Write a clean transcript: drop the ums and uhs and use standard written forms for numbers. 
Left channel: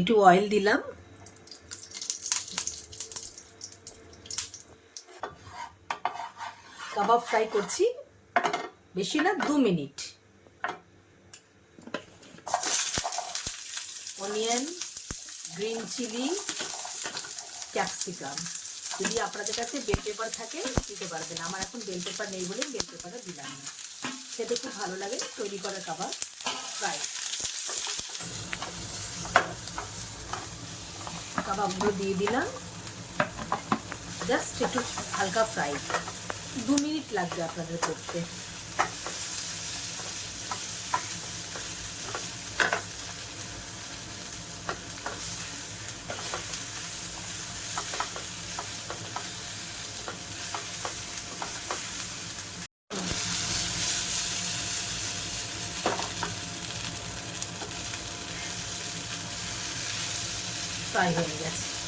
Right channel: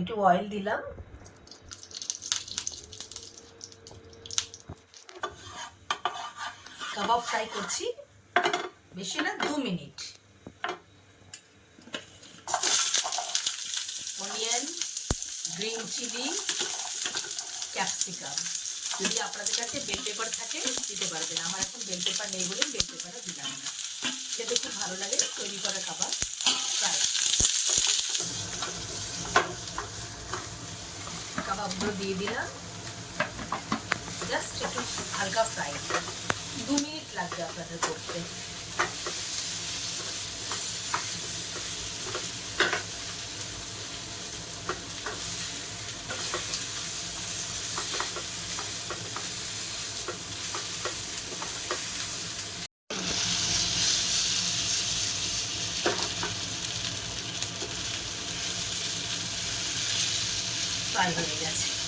একটু অয়েল দিলাম, কাবাব ফ্রাই করছি, বেশি না, 2 minute. Onion, green chilli, capsicum. যদি আপনাদের কাছে বেল পেপার থাকে দিতে পারবেন, আমার এখন বেল পেপার নেই বলে বেল পেপারে দিলাম না। খেতে খুব ভালো লাগে, তৈরি করে কাবাব ফ্রাই। কাবাবগুলো দিয়ে দিলাম, জাস্ট একটু হালকা ফ্রাই, 2 মিনিট লাগবে আপনাদের করতে। ফ্রাই হয়ে গেছে।